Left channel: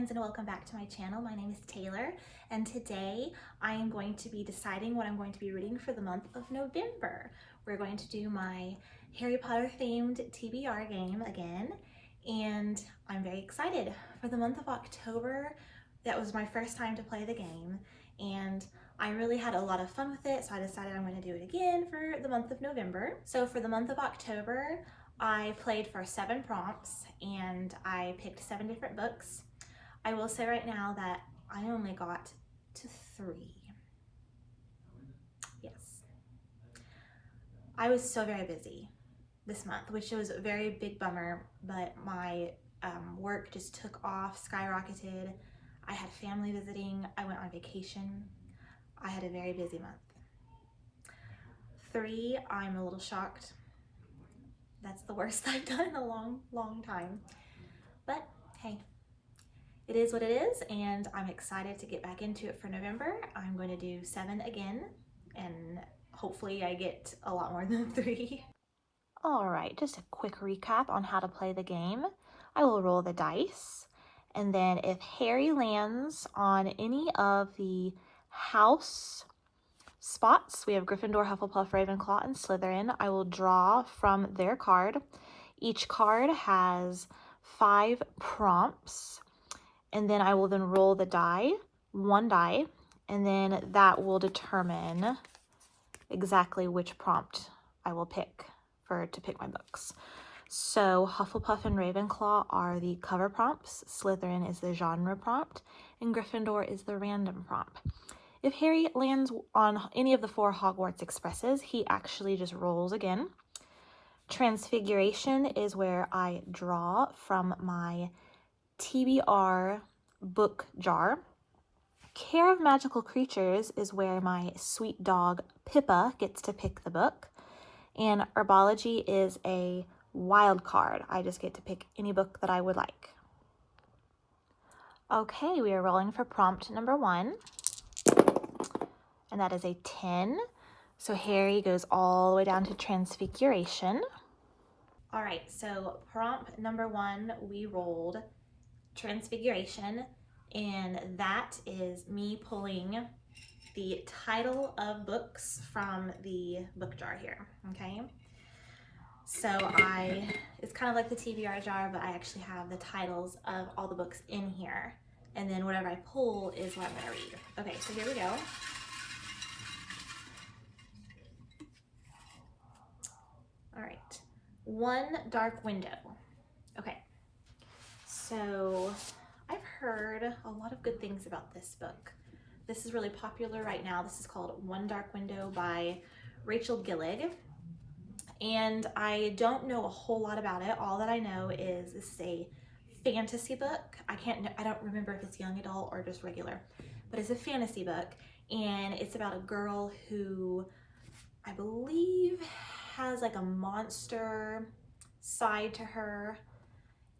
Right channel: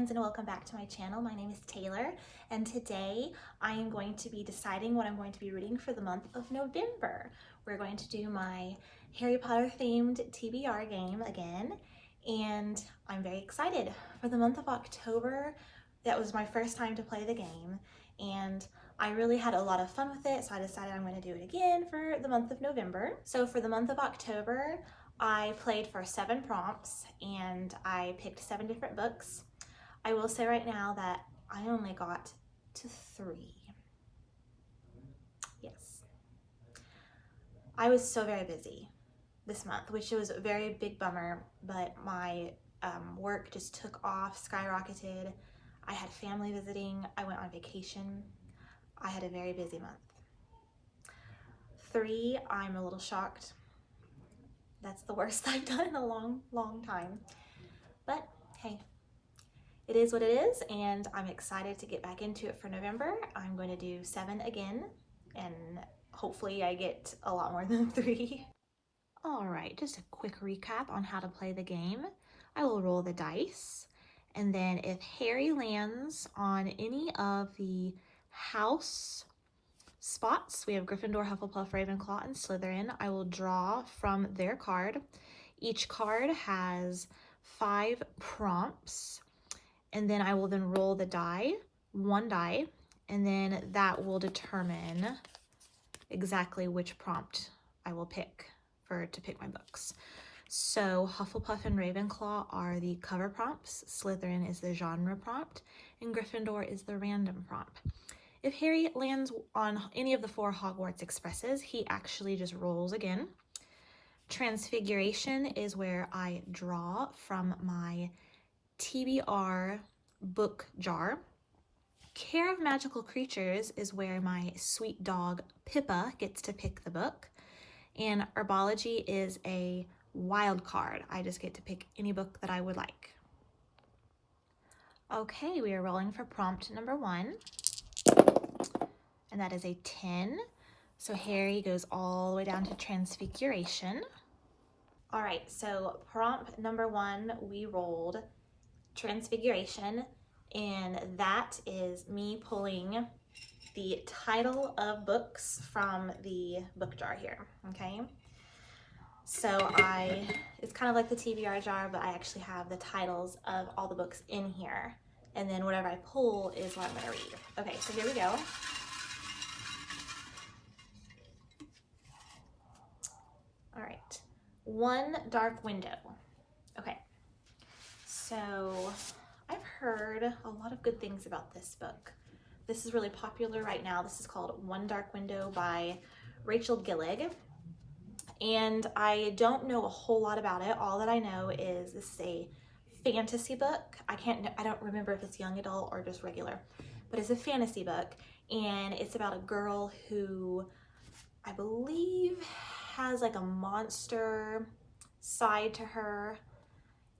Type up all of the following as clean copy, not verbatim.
friends, and welcome back to my channel. My name is Taylor, and today I am going to be deciding what I'm going to be reading for the month of November. We're going to do my Harry Potter themed TBR game again, and I'm very excited. For the month of October, that was my first time to play the game, and I really had a lot of fun with it, so I decided I'm going to do it again for the month of November. So for the month of October, I played for 7 prompts and I picked 7 different books. I will say right now that I only got to 3. Yes. I was so very busy this month, which was a very big bummer, but my work just took off, skyrocketed. I had family visiting, I went on vacation. I had a very busy month. 3, I'm a little shocked. That's the worst I've done in a long time. But hey, it is what it is, and I'm excited to get back into it for November. I'm going to do 7 again, and hopefully I get a lot more than 3. All right, just a quick recap on how to play the game. I will roll the dice, and then if Harry lands on any of the house spots, we have Gryffindor, Hufflepuff, Ravenclaw, and Slytherin. I will draw from their card. Each card has 5 prompts, and then I will then roll the die, 1 die, and then that will determine exactly which prompt I will pick to pick my books. So Hufflepuff and Ravenclaw are the cover prompts, Slytherin is the genre prompt, and Gryffindor is the random prompt. If Harry lands on any of the 4 Hogwarts Expresses, he actually just rolls again. Transfiguration is where I draw from my TBR book jar. Care of Magical Creatures is where my sweet dog Pippa gets to pick the book. And Herbology is a wild card. I just get to pick any book that I would like. Okay, we are rolling for prompt number 1. And that is a 10. So Harry goes all the way down to Transfiguration. All right, so prompt number 1, we rolled Transfiguration, and that is me pulling the title of books from the book jar here, okay? So it's kind of like the TBR jar, but I actually have the titles of all the books in here, and then whatever I pull is what I'm gonna read. Okay, so here we go. All right, One Dark Window. Okay, so I've heard a lot of good things about this book. This is really popular right now. This is called One Dark Window by Rachel Gillig. And I don't know a whole lot about it. All that I know is this is a fantasy book. I don't remember if it's young adult or just regular, but it's a fantasy book. And it's about a girl who I believe has like a monster side to her,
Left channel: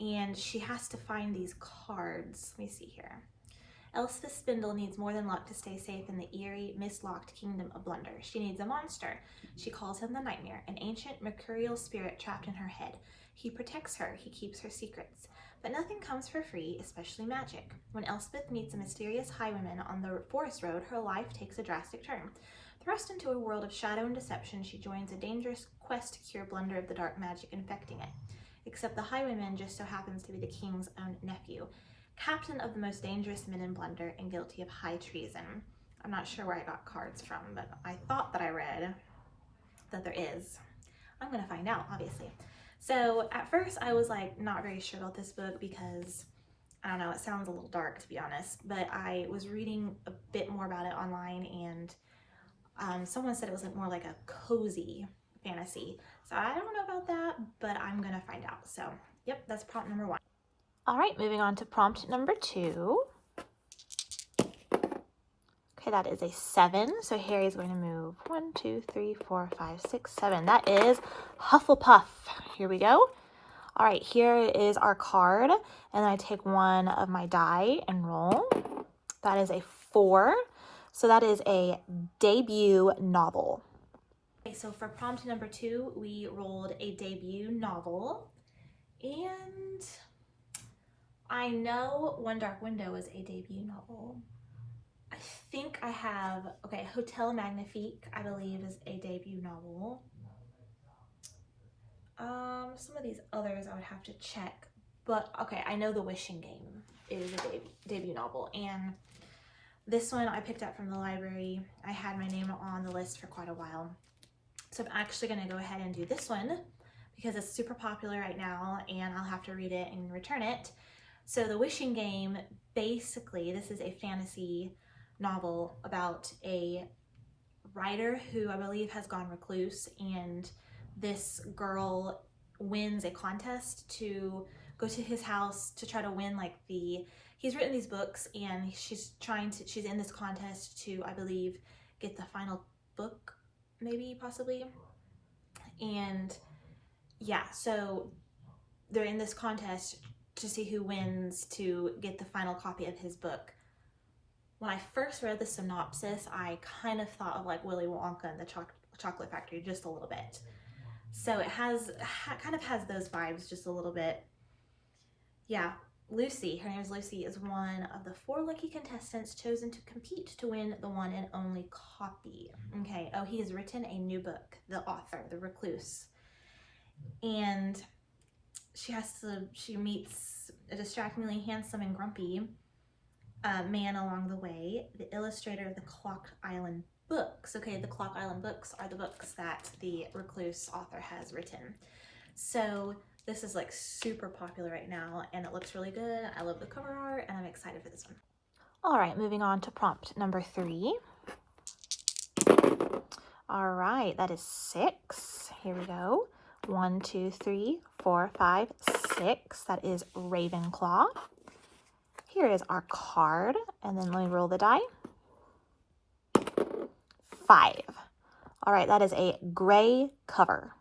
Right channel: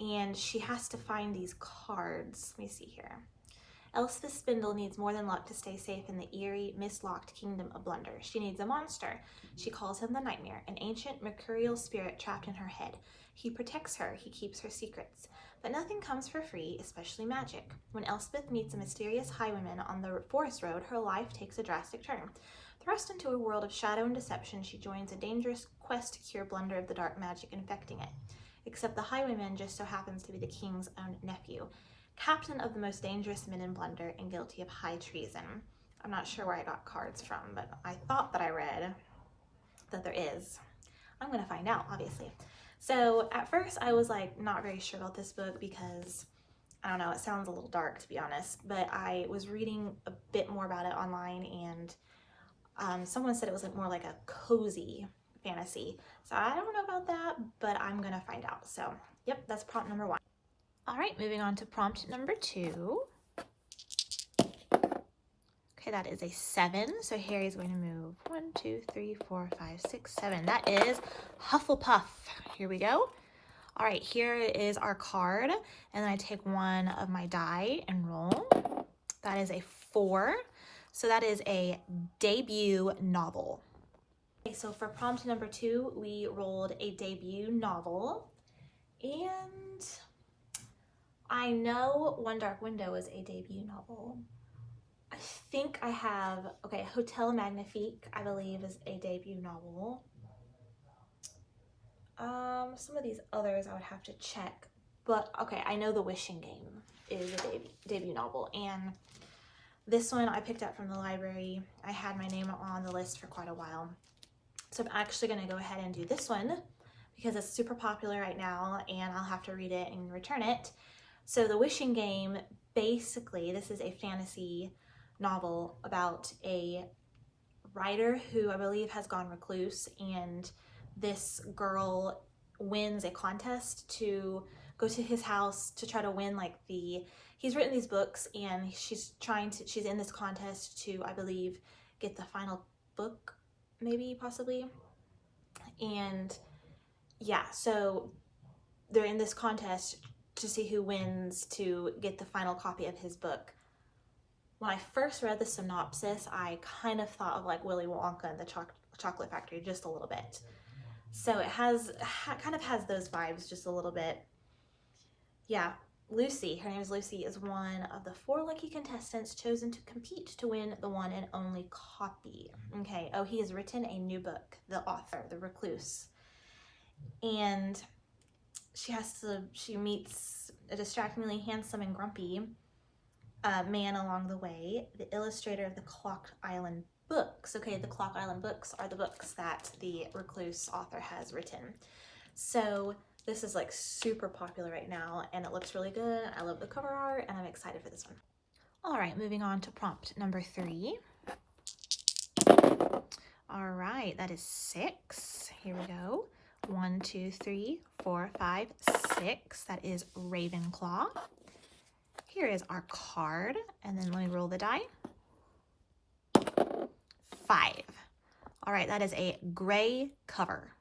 and she has to find these cards. Let me see here. Elspeth Spindle needs more than luck to stay safe in the eerie, mist-locked kingdom of Blunder. She needs a monster. She calls him the Nightmare, an ancient mercurial spirit trapped in her head. He protects her, he keeps her secrets. But nothing comes for free, especially magic. When Elspeth meets a mysterious highwayman on the forest road, her life takes a drastic turn. Thrust into a world of shadow and deception, she joins a dangerous quest to cure Blunder of the dark magic infecting it. Except the highwayman just so happens to be the king's own nephew, captain of the most dangerous men in Blunder and guilty of high treason. I'm not sure where I got cards from, but I thought that I read that there is. I'm gonna find out, obviously. So at first I was like not very sure about this book because, I don't know, it sounds a little dark to be honest, but I was reading a bit more about it online, and someone said it was more like a cozy fantasy. So I don't know about that, but I'm gonna find out. So yep, that's prompt number 1. All right, moving on to prompt number 2. Okay, that is a 7. So Harry's going to move 1, 2, 3, 4, 5, 6, 7. That is Hufflepuff. Here we go. All right, here is our card. And I take one of my die and roll. That is a 4. So that is a debut novel. Okay, so for prompt number 2, we rolled a debut novel. And I know One Dark Window is a debut novel. I think I have, okay, Hotel Magnifique, I believe, is a debut novel. Some of these others I would have to check, but okay, I know The Wishing Game is a debut novel, and this one I picked up from the library. I had my name on the list for quite a while, so I'm actually going to go ahead and do this one because it's super popular right now, and I'll have to read it and return it. So The Wishing Game, basically, this is a fantasy novel about a writer who I believe has gone recluse, and this girl wins a contest to go to his house to try to win like he's written these books, and she's in this contest to, I believe, get the final book, maybe, possibly. And yeah, so they're in this contest to see who wins to get the final copy of his book. When I first read the synopsis, I kind of thought of like Willy Wonka and the Chocolate Factory just a little bit. So it kind of has those vibes just a little bit. Yeah, Lucy, her name is Lucy, is one of the 4 lucky contestants chosen to compete to win the one and only copy. Okay, oh, he has written a new book, the author, the recluse. And she meets a distractingly handsome and grumpy man along the way, the illustrator of the Clock Island books. Okay, the Clock Island books are the books that the recluse author has written. So this is like super popular right now, and it looks really good. I love the cover art, and I'm excited for this one. All right, moving on to prompt number 3. All right, that is 6. Here we go. 1, 2, 3, 4, 5, 6. That is Ravenclaw. Here is our card, and then let me roll the die. 5. All right, that is a gray cover.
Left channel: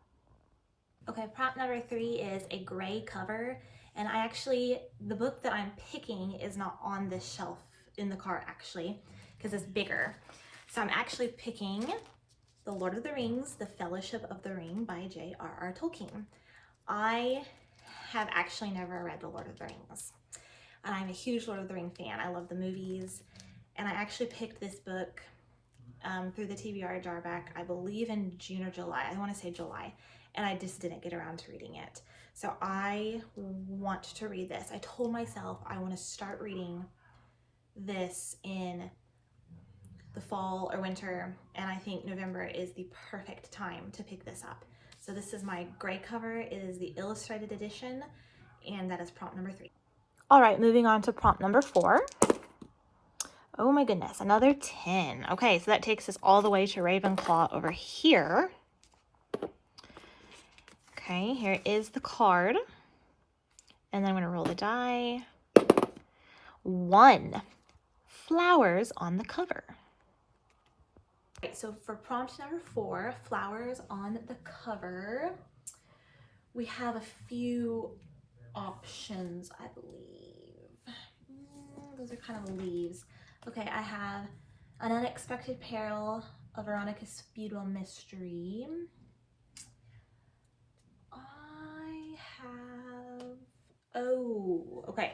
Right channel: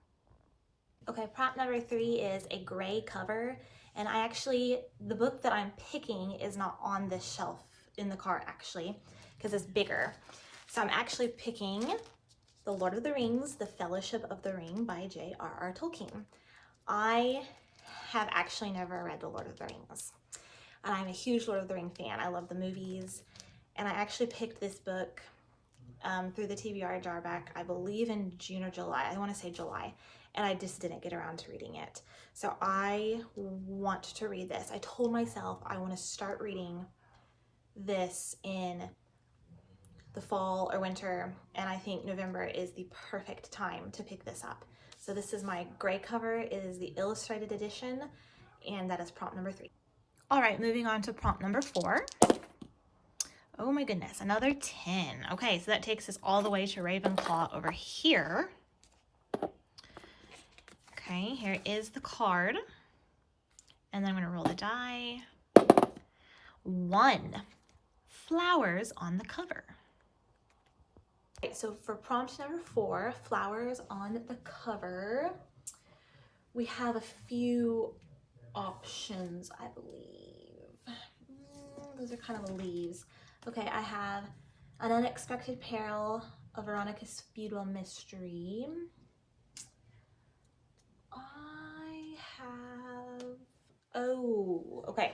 Okay, prompt number 3 is a gray cover, and the book that I'm picking is not on this shelf in the cart actually, because it's bigger. So I'm actually picking The Lord of the Rings, The Fellowship of the Ring by J.R.R. Tolkien. I have actually never read The Lord of the Rings, and I'm a huge Lord of the Ring fan. I love the movies, and I actually picked this book through the TBR jar back, I believe in June or July. I want to say July, and I just didn't get around to reading it. So I want to read this. I told myself I want to start reading this in the fall or winter, and I think November is the perfect time to pick this up. So this is my gray cover. It is the illustrated edition, and that is prompt number 3. All right, moving on to prompt number 4. Oh my goodness, another 10. Okay, so that takes us all the way to Ravenclaw over here. Okay, here is the card. And then I'm going to roll the die. 1. Flowers on the cover. Right, so for prompt number 4, flowers on the cover, we have a few options, I believe. Those are kind of leaves. Okay, I have An Unexpected Peril, A Veronica Speedwell Mystery. Okay.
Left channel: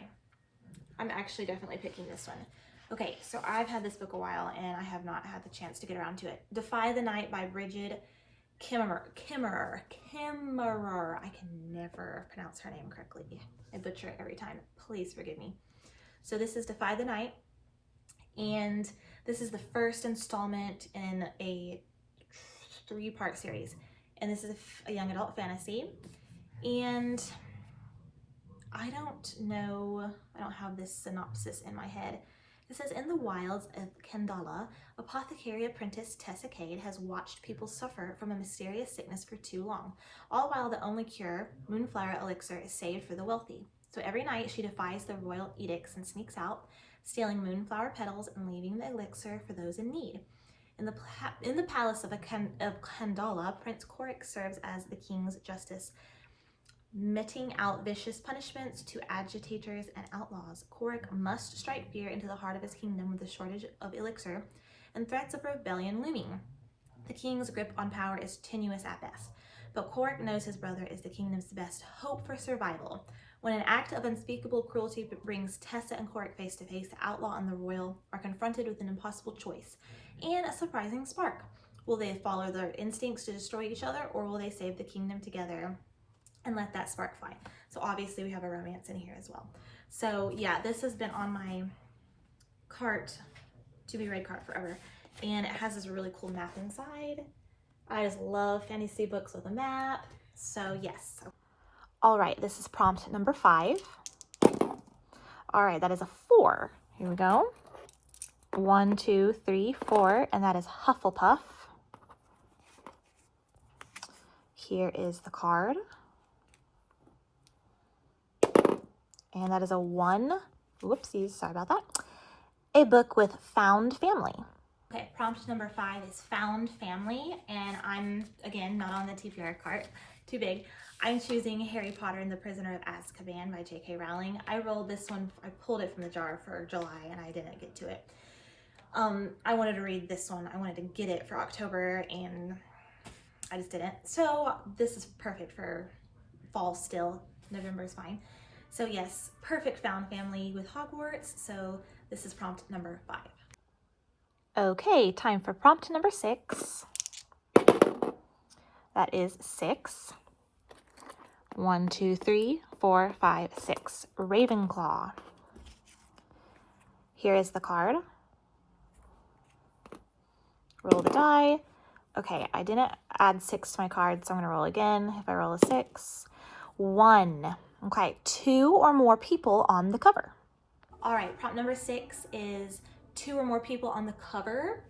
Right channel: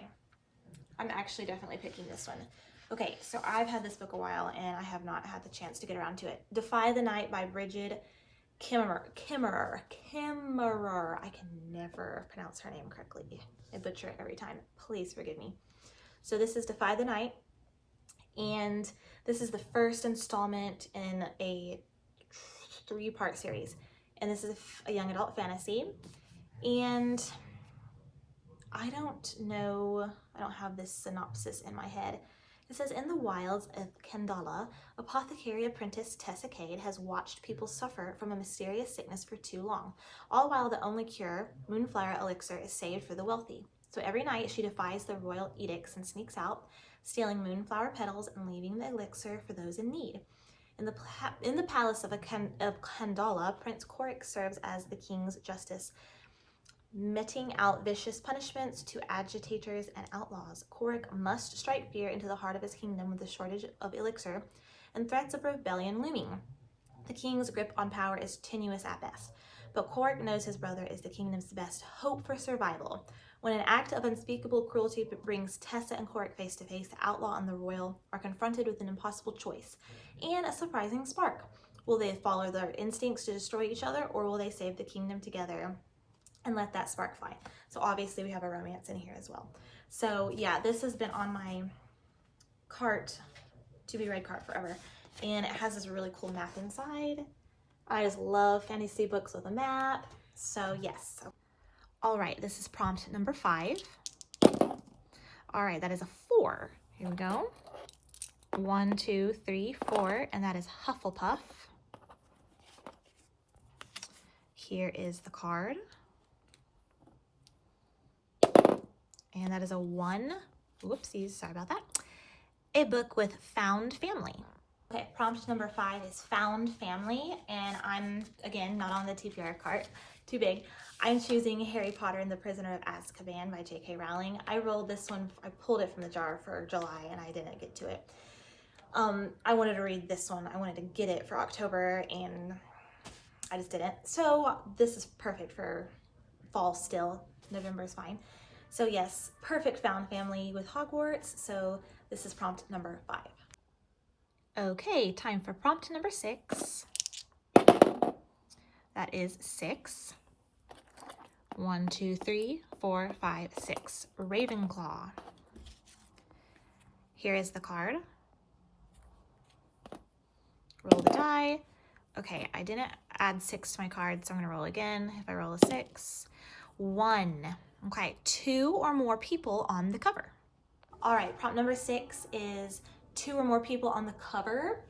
I'm actually definitely picking this one. Okay, so I've had this book a while, and I have not had the chance to get around to it. Defy the Night by Bridget Kimmerer. I can never pronounce her name correctly. I butcher it every time. Please forgive me. So this is Defy the Night, and this is the first installment in a 3-part series. And this is a young adult fantasy. And I don't know, I don't have this synopsis in my head. It says, in the wilds of Kendala, apothecary apprentice Tessa Cade has watched people suffer from a mysterious sickness for too long, all while the only cure, Moonflower Elixir, is saved for the wealthy. So every night she defies the royal edicts and sneaks out, stealing moonflower petals and leaving the elixir for those in need. In the palace of Kendala, Prince Coric serves as the king's justice, meting out vicious punishments to agitators and outlaws. Coric must strike fear into the heart of his kingdom with the shortage of elixir and threats of rebellion looming. The king's grip on power is tenuous at best, but Coric knows his brother is the kingdom's best hope for survival. When an act of unspeakable cruelty brings Tessa and Corrick face to face, the outlaw and the royal are confronted with an impossible choice and a surprising spark. Will they follow their instincts to destroy each other, or will they save the kingdom together and let that spark fly? So obviously we have a romance in here as well. So yeah, this has been on my cart, to be read cart forever. And it has this really cool map inside. I just love fantasy books with a map. So yes. All right, this is prompt number 5. All right, that is a 4. Here we go. 1, 2, 3, 4, and that is Hufflepuff. Here is the card. And that is a 1. Whoopsies, sorry about that. A book with found family. Okay, prompt number 5 is found family, and I'm, again, not on the TBR cart, too big. I'm choosing Harry Potter and the Prisoner of Azkaban by J.K. Rowling. I rolled this one, I pulled it from the jar for July, and I didn't get to it. I wanted to read this one. I wanted to get it for October, and I just didn't. So this is perfect for fall still. November is fine. So yes, perfect found family with Hogwarts. So this is prompt number 5. Okay, time for prompt number 6. That is 6. 1, 2, 3, 4, 5, 6. Ravenclaw. Here is the card. Roll the die. Okay, I didn't add 6 to my card, so I'm going to roll again. If I roll a 6, 1. Okay, 2 or more people on the cover. All right, prompt number 6 is 2 or more people on the cover.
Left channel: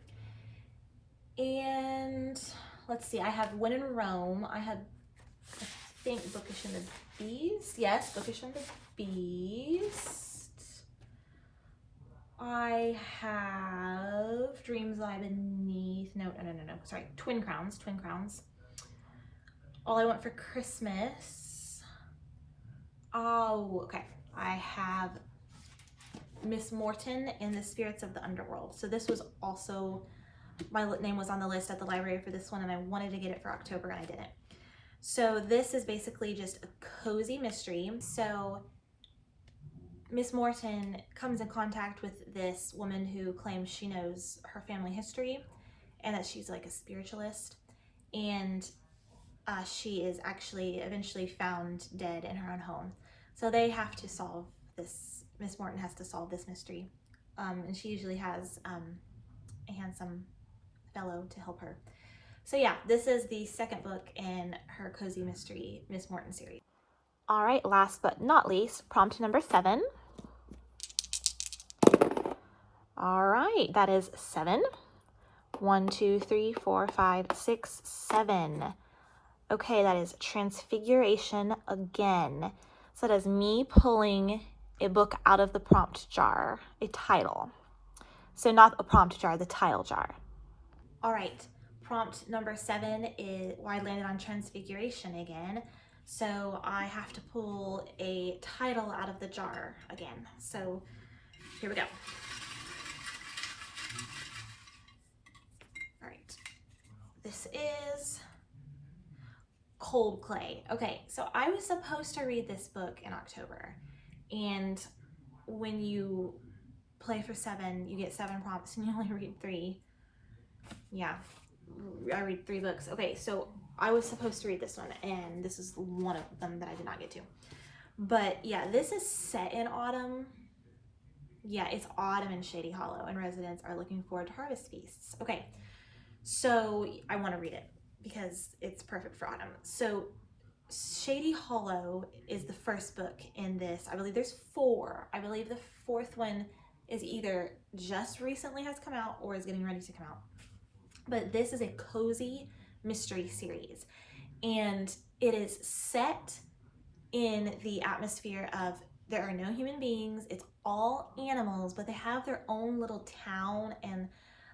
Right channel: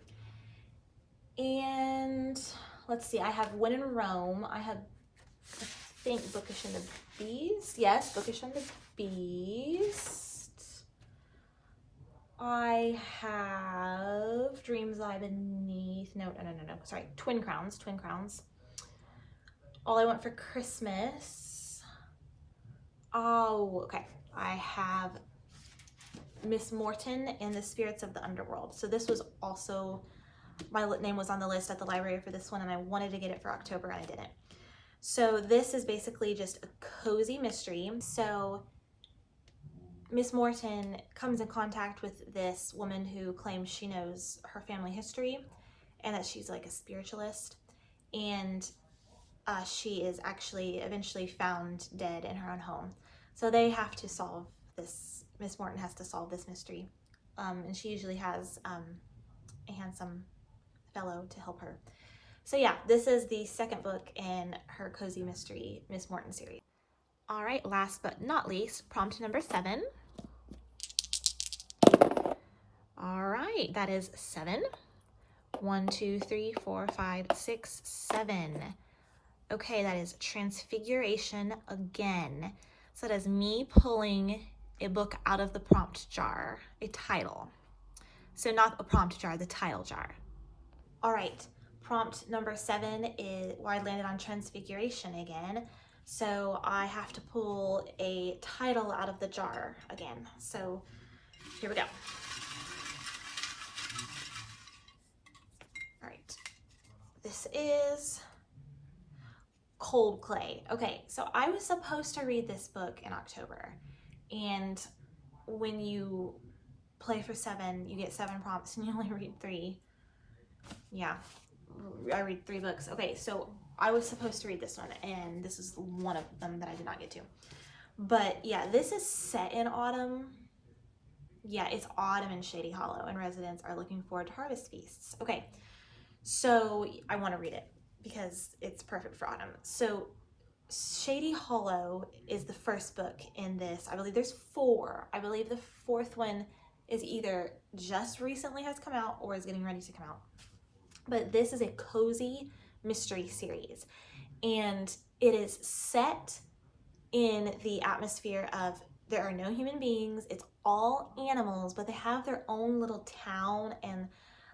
And let's see, I have When in Rome. I have, I think, Bookish and the Beast. Yes, Bookish and the Beast. I have Dreams Lie Beneath. No. Sorry, Twin Crowns. All I Want for Christmas. Oh, okay. I have Miss Morton and the Spirits of the Underworld. So this was also, my name was on the list at the library for this one, and I wanted to get it for October, and I didn't. So this is basically just a cozy mystery. So Miss Morton comes in contact with this woman who claims she knows her family history and that she's like a spiritualist, and she is actually eventually found dead in her own home. So they have to solve this, Miss Morton has to solve this mystery, and she usually has a handsome fellow to help her. So yeah, this is the second book in her cozy mystery Miss Morton series. All right, last but not least, prompt number 7. All right, that is 7. 1, 2, 3, 4, 5, 6, 7. Okay, that is Transfiguration again. So that is me pulling a book out of the prompt jar, a title. So not a prompt jar, the title jar. All right, prompt number 7 is, well, I landed on Transfiguration again. So I have to pull a title out of the jar again. So here we go. All right, this is Cold Clay. Okay, so I was supposed to read this book in October, and when you play for 7, you get 7 prompts and you only read 3. Yeah, I read 3 books. Okay, so I was supposed to read this one, and this is one of them that I did not get to. But yeah, this is set in autumn. Yeah, it's autumn in Shady Hollow, and residents are looking forward to harvest feasts. Okay, so I want to read it because it's perfect for autumn. So Shady Hollow is the first book in this. I believe there's 4. I believe the 4th one is either just recently has come out or is getting ready to come out. But this is a cozy mystery series, and it is set in the atmosphere of there are no human beings. It's all animals, but they have their own little town, and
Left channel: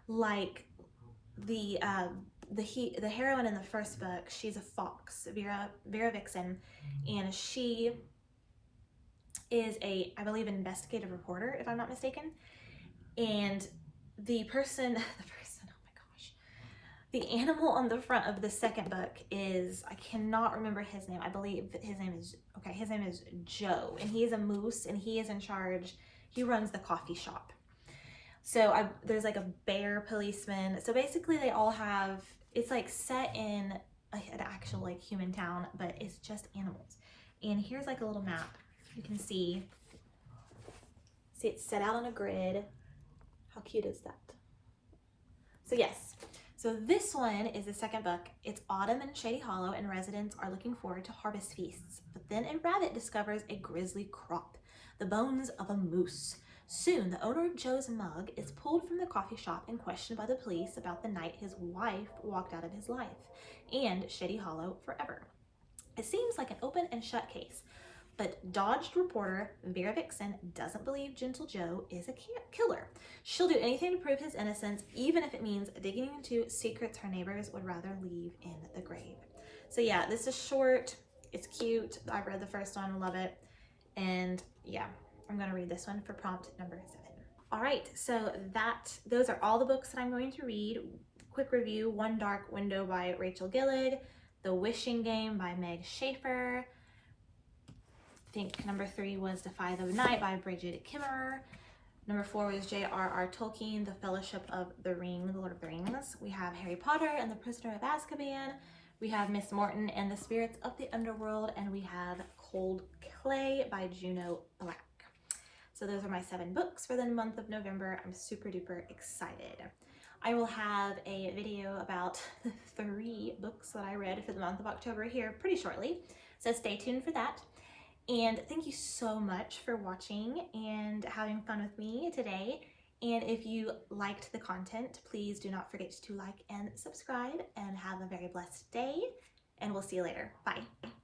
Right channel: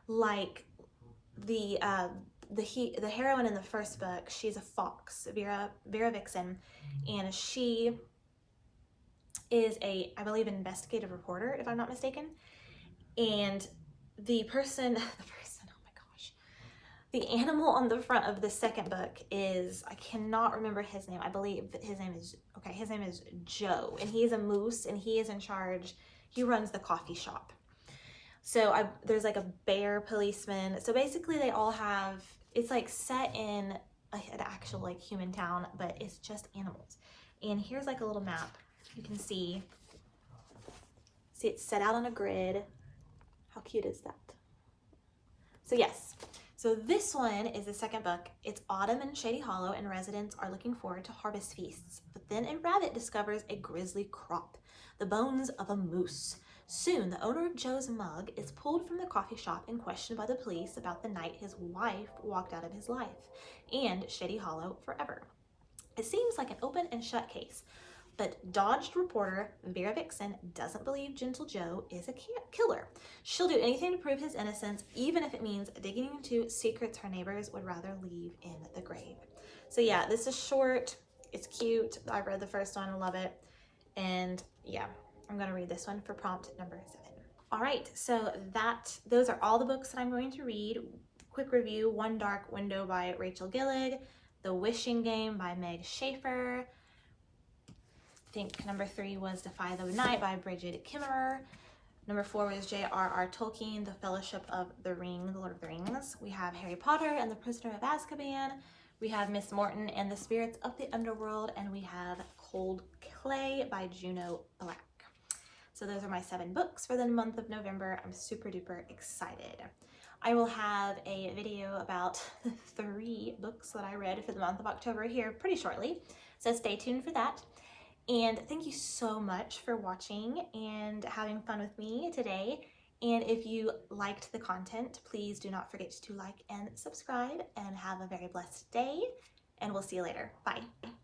like the heroine in the first book, she's a fox, Vera Vixen, and she is a, I believe, an investigative reporter, if I'm not mistaken. And the person, oh my gosh, The animal on the front of the second book is, I cannot remember his name. I believe his name is, okay, his name is Joe, and he is a moose, and he is in charge. He runs the coffee shop. So there's like a bear policeman. So basically they all have, it's like set in an actual like human town, but it's just animals. And here's like a little map. You can see it's set out on a grid. How cute is that? So yes, so this one is the second book. It's autumn in Shady Hollow, and residents are looking forward to harvest feasts. But then a rabbit discovers a grisly crop, the bones of a moose. Soon, the owner of Joe's mug is pulled from the coffee shop and questioned by the police about the night his wife walked out of his life, and Shady Hollow forever. It seems like an open and shut case, but dodged reporter Vera Vixen doesn't believe Gentle Joe is a killer. She'll do anything to prove his innocence, even if it means digging into secrets her neighbors would rather leave in the grave. So yeah, this is short. It's cute. I've read the first one. Love it. And yeah, I'm going to read this one for prompt number 7. All right, so those are all the books that I'm going to read. Quick review: One Dark Window by Rachel Gillig, The Wishing Game by Meg Schaefer. I think number 3 was Defy the Night by Bridget Kimmerer. Number 4 was J.R.R. Tolkien, The Fellowship of the Ring, The Lord of the Rings. We have Harry Potter and the Prisoner of Azkaban. We have Miss Morton and the Spirits of the Underworld. And we have Cold Clay by Juno Black. So those are my 7 books for the month of November. I'm super duper excited. I will have a video about the 3 books that I read for the month of October here pretty shortly. So stay tuned for that. And thank you so much for watching and having fun with me today. And if you liked the content, please do not forget to like and subscribe, and have a very blessed day. And we'll see you later. Bye.